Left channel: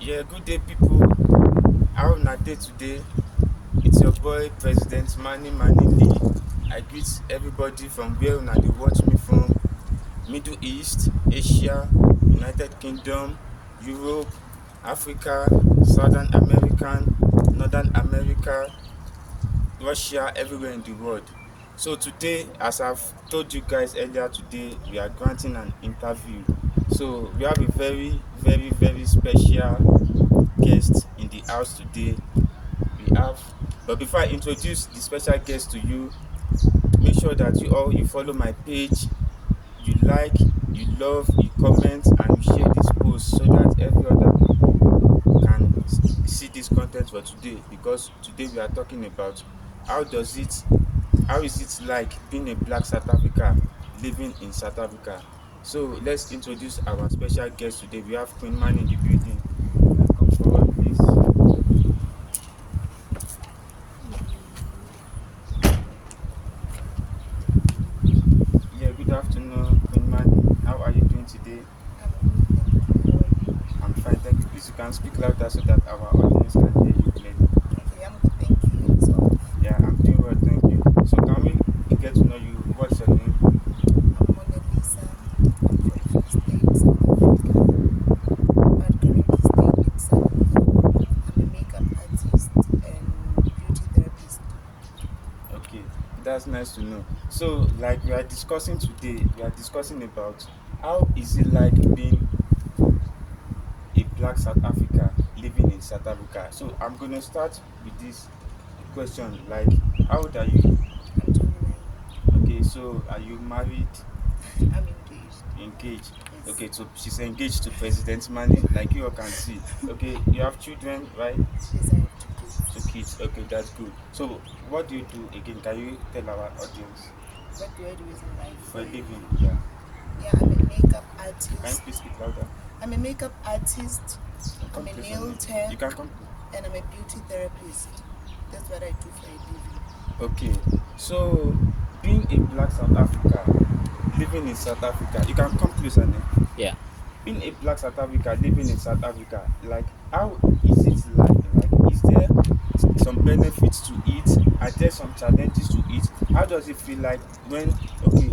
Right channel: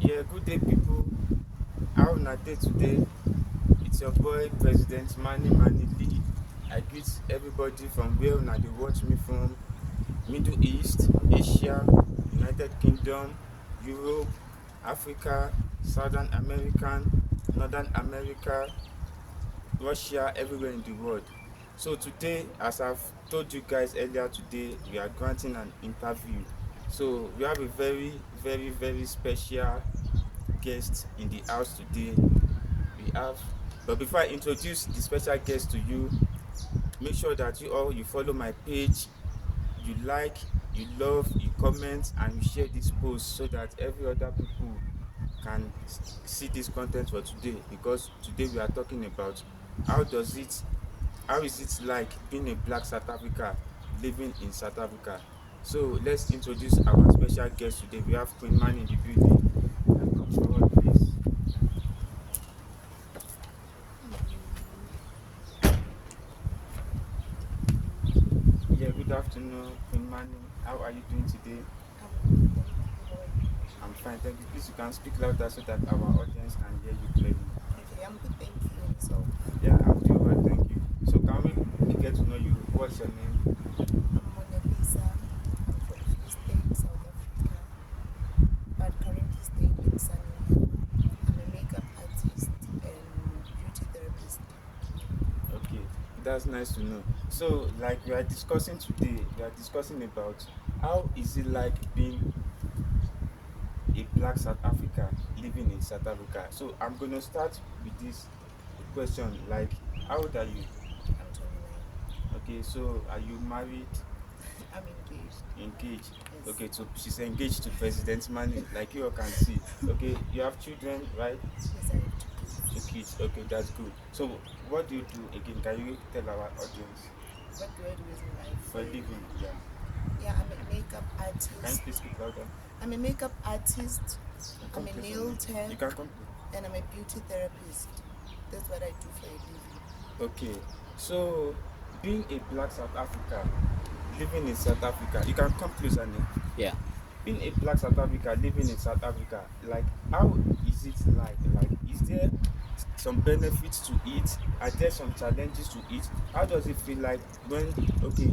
Yeah, good day, people. How na day today? It's your boy, President Mannie Lee. I greet everybody from where una dey watch me from. Middle East, Asia, United Kingdom, Europe, Africa, Southern American, Northern America, Russia, everywhere in the world. So today, as I've told you guys earlier today, we are granting an interview. So we have a very special guest in the house today. But before I introduce the special guest to you, make sure that you follow my page, you like, you love, you comment, and you share this post so that every other people can see this content for today. Because today we are talking about how does it, how is it like being a black South Africa living in South Africa. So let's introduce our special guest today. We have Queen Mannie in the building. Come forward, please. Yeah, good afternoon, Queen Mannie. How are you doing today? I'm fine, thank you. Please, you can speak louder so that our audience can hear you clearly. Okay, I'm good, thank you. So, Yeah, I'm doing well, thank you. So, can we get to know you? What's your name? I'm Mona Lisa, from Free State, South Africa, but currently staying in Sunny Hill. I'm a makeup artist and beauty therapist. Okay, that's nice to know. So, like we are discussing today, we are discussing about how is it like being a black South Africa living in South Africa. So, I'm gonna start with this question. Like, how old are you? I'm 29. Okay, so are you married? I'm engaged. Engaged. Yes. Okay, so she's engaged to President Manny, like you all can see. Okay, you have children, right? Yes, I have two Two kids. kids. Okay, that's good. So, what do you do again? Can you tell our audience What do I do as in life for for a a living? living? Yeah. Yeah, I'm a makeup Can you artist. please speak louder? I'm a makeup artist. Come I'm a closer, nail man. tech, You can come. and I'm a beauty therapist. That's what I do for a living. Okay, so being a black South Africa, living in South Africa, you can come closer now. Yeah. Being a black South Africa living in South Africa, like how is it like? Like, is there some benefits to it? Are there some challenges to it? How does it feel like when, okay,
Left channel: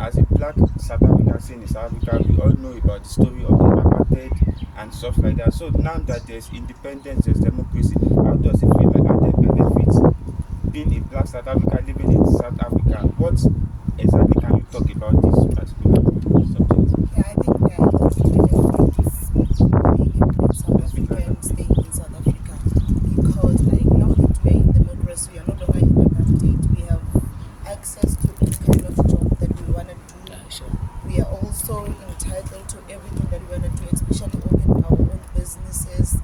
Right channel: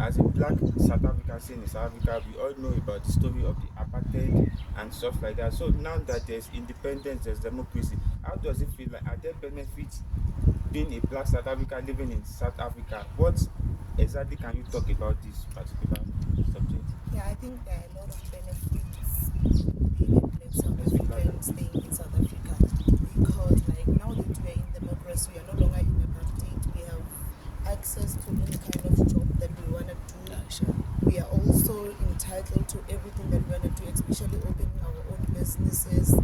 as a black South African staying in South Africa, we all know about the story of the apartheid and stuff like that. So now that there's independence, there's democracy, how does it feel like? Are there benefits being a black South Africa living in South Africa? What exactly can you talk about this particular subject? Yeah, I think there are a lot of benefits in being a black South Let's speak louder. African staying in South Africa because, like, now that we are in democracy, we are no longer in apartheid. We have access to any kind of job that we want to do. Sure. We are also entitled to everything that we want to do, especially open our own businesses,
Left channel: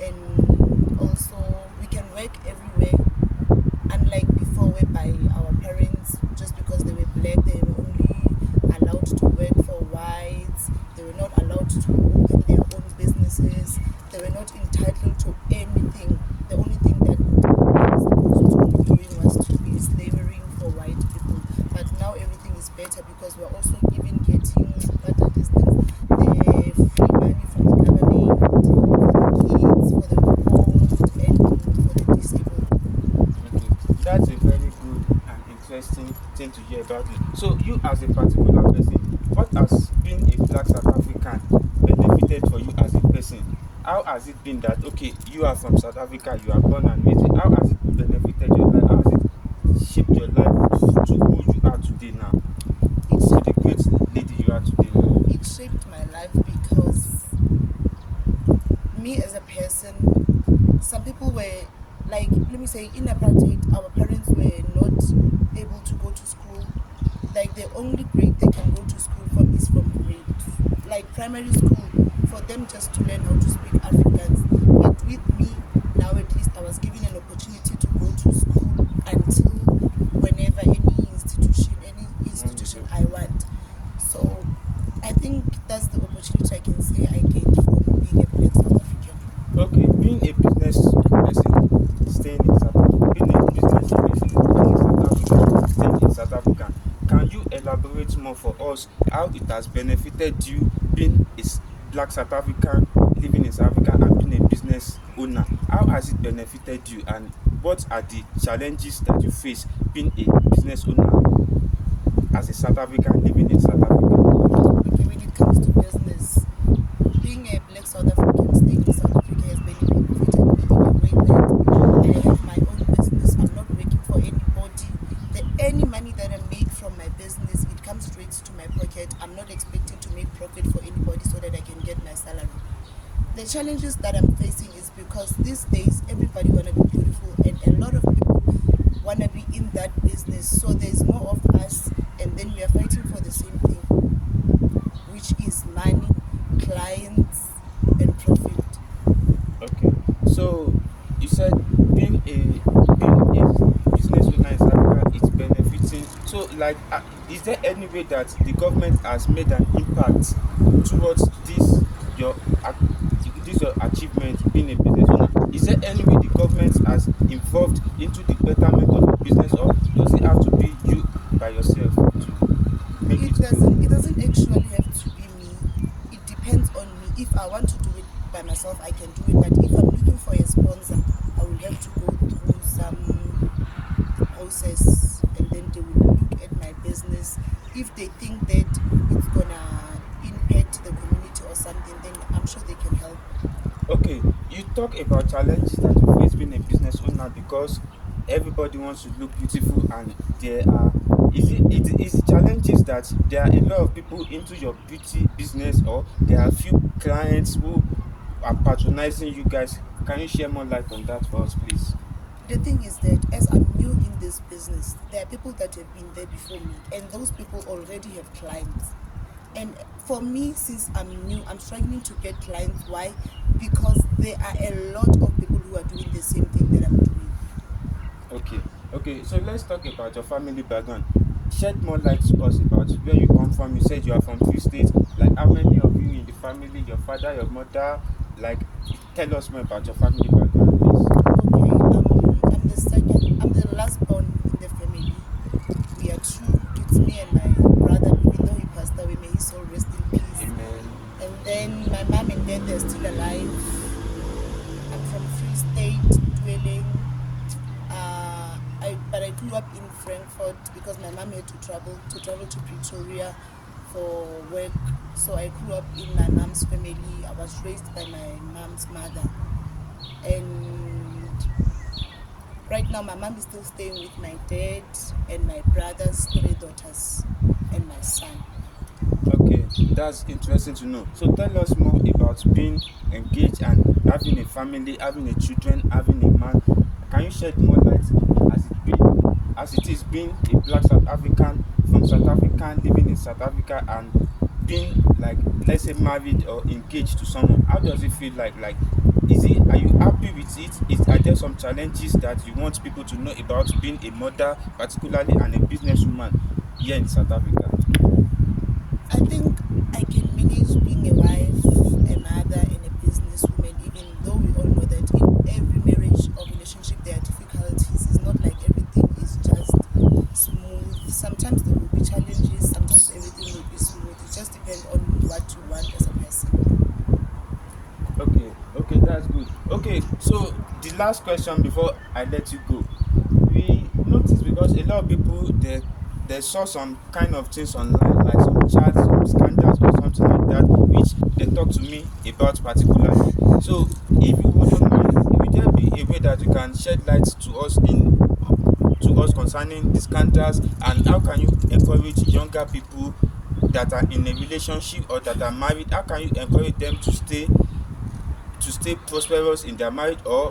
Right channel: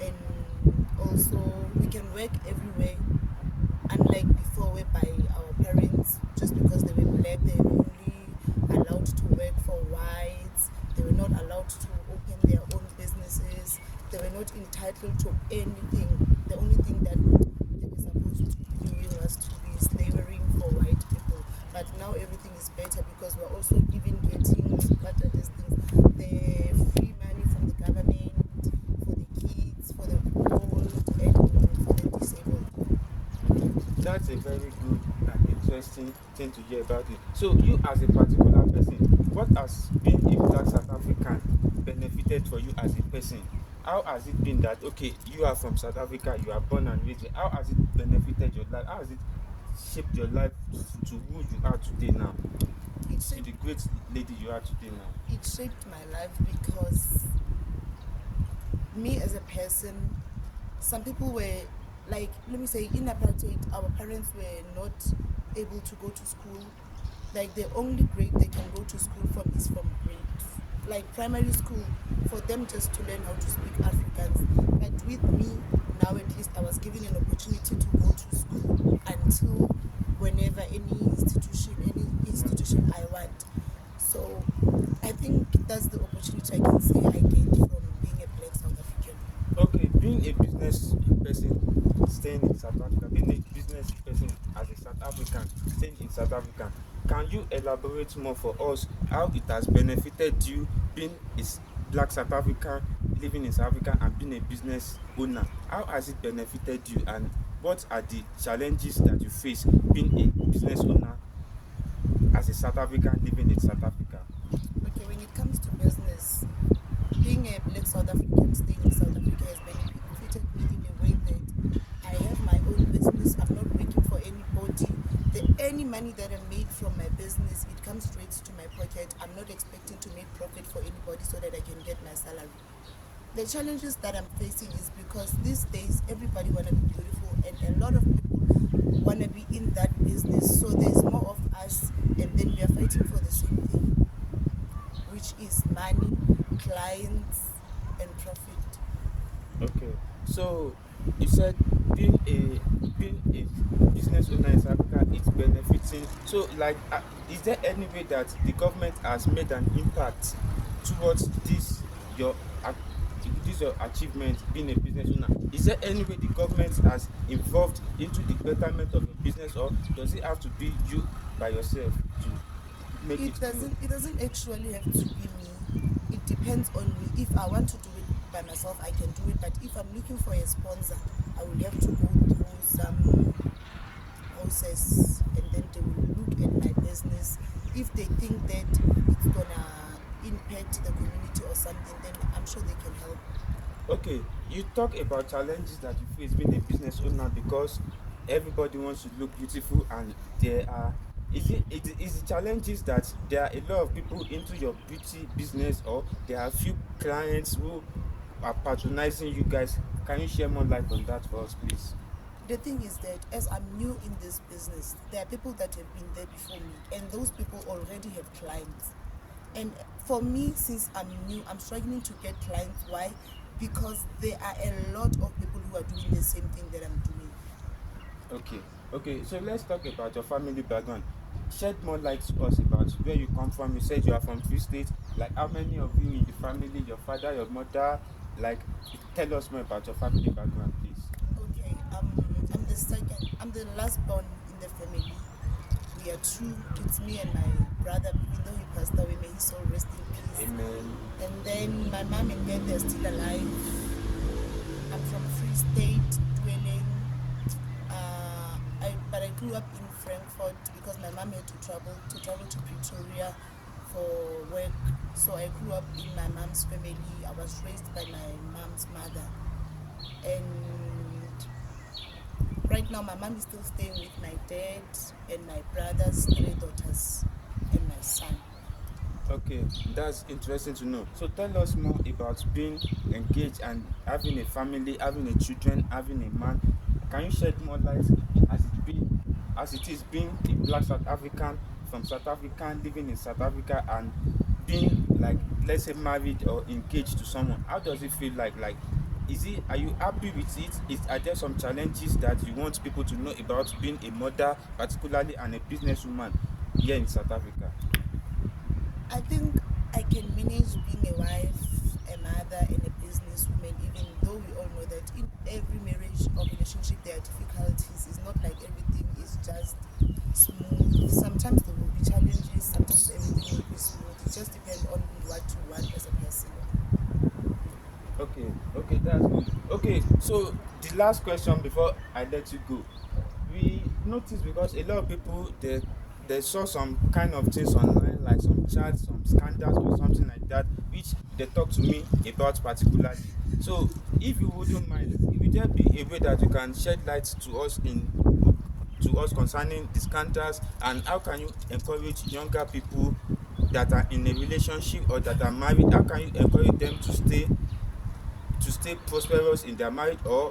and also we can work everywhere. Unlike before, whereby our parents, just because they were black, they were only allowed to work for whites, they were not allowed to open their own businesses, they were not entitled to anything. The only thing that they were supposed to be doing was to be slavering for white people. But now everything is better because we're also even getting, what are these things? The free money from the government for the kids, for the old, and for the disabled. Okay, that's a very good and interesting thing to hear about it. So, you as a particular person, what has being a black South African benefited for you as a person? How has it been that, okay, you are from South Africa, you are born and raised? How has it benefited your life? How has it shaped your life to who you are today now? It To shaped the great lady you are today now? it shaped my life because me as a person, some people were, like, let me say, in apartheid, our parents were not able to go to school. Like, the only grade they can go to school from is from grade, like primary school, for them just to learn how to speak Afrikaans. But with me, now at least I was given an opportunity to go to school until whenever any institution I want. So I think that's the opportunity I can say I get from being a black South African. Okay, being a business person staying in South Africa, being a business person in South Africa, staying in South Africa, can you elaborate more for us how it has benefited you being a black South African living in South Africa and being a owner. How has it benefited you, and what are the challenges that you face being a business owner as a South African living in South Africa? Okay, when it comes to business, being a black South African staying in South Africa has benefited me in a way that I have my own business. I'm not working for anybody. Any money that I make from my business, it comes straight to my pocket. I'm not expecting to make profit for anybody so that I can get my salary. The challenges that I'm facing is because these days everybody wanna be beautiful and a lot of people wanna be in that business. So there's more of us and then we are fighting for the same thing, which is money, clients, and profit. Okay, so you said being a business owner in South Africa is benefiting. So, like, is there any way that the government has made an impact towards this your achievement being a business owner? Is there any way the government has involved into the betterment of the business, or does it have to be you by yourself to make it grow? It doesn't actually have to be me. It depends on me. If I want to do it by myself, I can do it. But if I'm looking for a sponsor, I will have to go through some process and then they will look at my business. If they think that it's gonna impact the community or something, then I'm sure they can help. Okay, you talk about challenges that you face being a business owner because everybody wants to look beautiful, and there are is the challenges that there are a lot of people into your beauty business, or there are few clients who are patronizing you guys. Can you share more light on that for us, please? The thing is that as I'm new in this business, there are people that have been there before me, and those people already have clients. And for me, since I'm new, I'm struggling to get clients. Why? Because there are a lot of people who are doing the same thing that I'm doing. Okay, okay. So let's talk about your family background. Shed more light to us about where you come from. You said you are from few states. Like, how many of you in the family? Your father, your mother. Like, tell us more about your family background, please. Okay, I'm the second. I'm the last born in the family. We are two. It's me and my brother. Even though he passed away, may his soul rest in peace. Amen. And then my mom and dad, they're still alive. I'm from Free State dwelling. But I grew up in Frankfurt because my mom had to travel to Pretoria for work. So I grew up in my mom's family. I was raised by my mom's mother, and right now my mom is still staying with my dad and my brother's three daughters and my son. Okay, that's interesting to know. So tell us more about being engaged and having a family, having a children, having a man. Can you shed more light as it is being a black South African from South Africa living in South Africa and being, like, let's say, married or engaged to someone? How does it feel like? Like, are you happy with it? Are there some challenges that you want people to know about being a mother, particularly, and a businesswoman here in South Africa? I think I can manage being a wife, a mother, and a businesswoman, even though we all know that in every marriage or relationship there are difficulties. It's not like everything is just smooth. Sometimes there will be challenges, sometimes everything will be smooth. It just depends on what you want as a person. Okay, okay, that's good. Okay, so the last question before I let you go. We noticed because a lot of people they saw some kind of things online, like some chats, some scandals or something like that, which they talked to me about particularly. So if you wouldn't mind, will there be a way that you can shed light to us concerning the scandals, and how can you encourage younger people that are in a relationship or that are married? How can you encourage them to stay prosperous in their marriage, or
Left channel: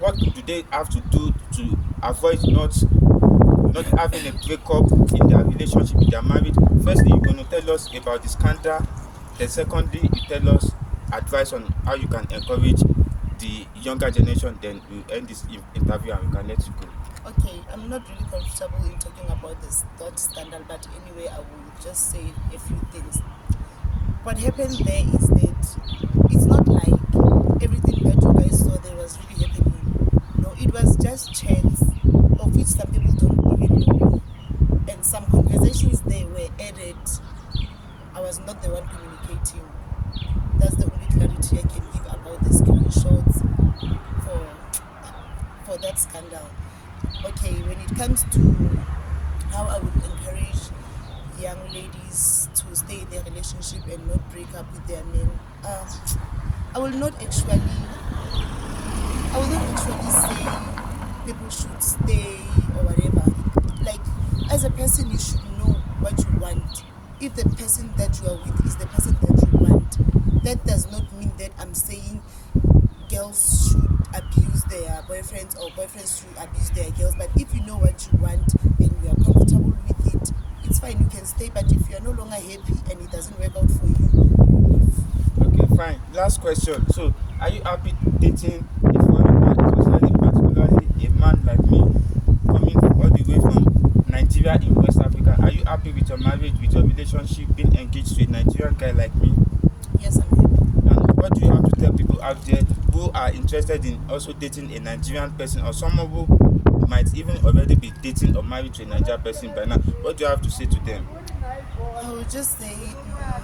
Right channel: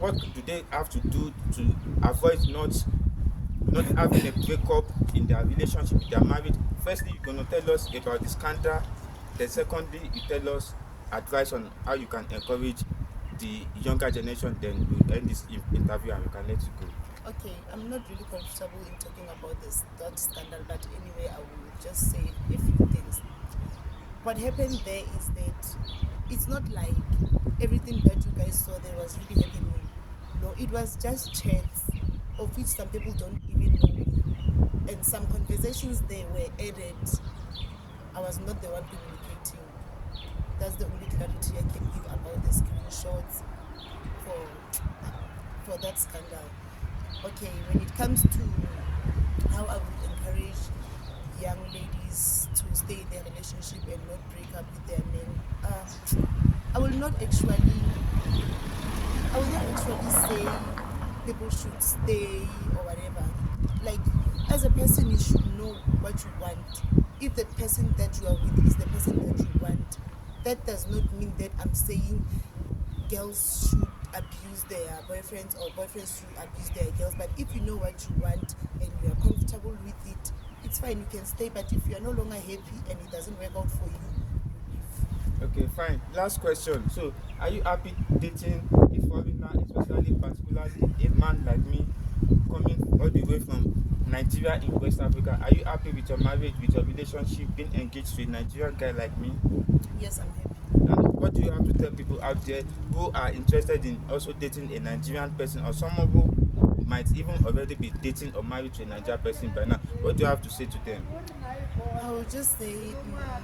what do they have to do to avoid not having a breakup in their relationship, in their marriage? Firstly, you're going to tell us about the scandal. Then secondly, you tell us advice on how you can encourage the younger generation. Then we'll end this interview and we can let you go. Okay, I'm not really comfortable in talking about this that scandal, but anyway, I will just say a few things. What happened there is that it's not like everything that you guys saw there was really happening. No, it was just chance, of which some people don't even know me. And some conversations there were added. I was not the one communicating. That's the only clarity I can give about the screenshots. that scandal. Okay, when it comes to how I would encourage young ladies to stay in their relationship and not break up with their men, I will not actually I will not actually say people should stay or whatever. Like, as a person, you should know what you want. If the person that you are with is the person that you want, that does not mean that I'm saying girls should abuse their boyfriends or boyfriends should abuse their girls. But if you know what you want and you are comfortable with it, it's fine, you can stay. But if you are no longer happy and it doesn't work out for you, leave. Okay, fine. Last question. So, are you happy dating a foreign man, especially particularly a man like me, coming all the way from Nigeria in West Africa? Are you happy with your marriage, with your relationship, being engaged to a Nigerian guy like me? Yes, I'm happy. And what do you have to tell people out there who are interested in also dating a Nigerian person or someone who might even already be dating or married to a Nigerian person by now? What do you have to say to them? I would just say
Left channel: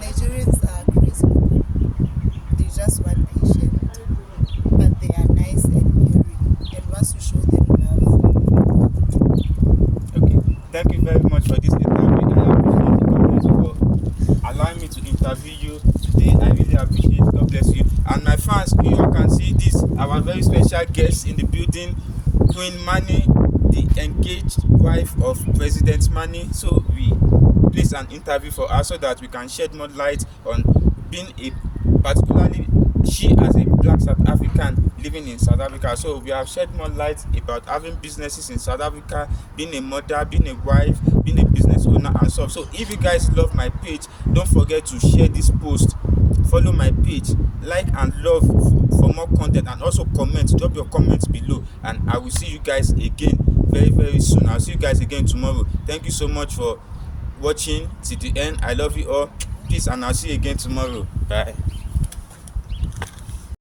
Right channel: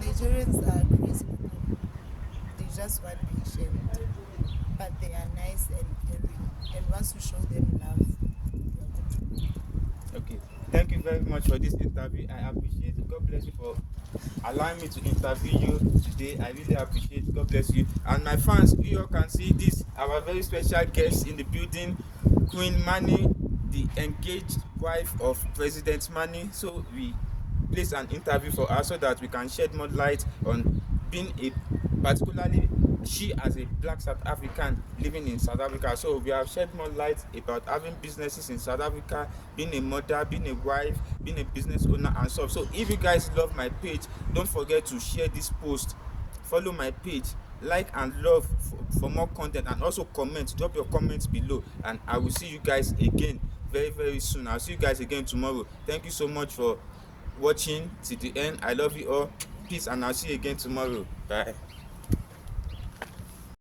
Nigerians are crazy people. They just want patient, but they are nice and caring. And once you show them love, Okay, thank you very much for this interview. I appreciate it. God bless you for allowing me to interview you today. I really appreciate it. God bless you. And my fans, you all can see this, our very special guest in the building, Queen Mannie, the engaged wife of President Mannie. So we placed an interview for her so that we can shed more light on being a particularly she as a black South African living in South Africa. So we have shed more light about having businesses in South Africa, being a mother, being a wife, being a business owner and stuff. So if you guys love my page, don't forget to share this post, follow my page, like and love for more content, and also comment, drop your comments below, and I will see you guys again very soon. I'll see you guys again tomorrow. Thank you so much for watching till the end. I love you all. Peace, and I'll see you again tomorrow. Bye.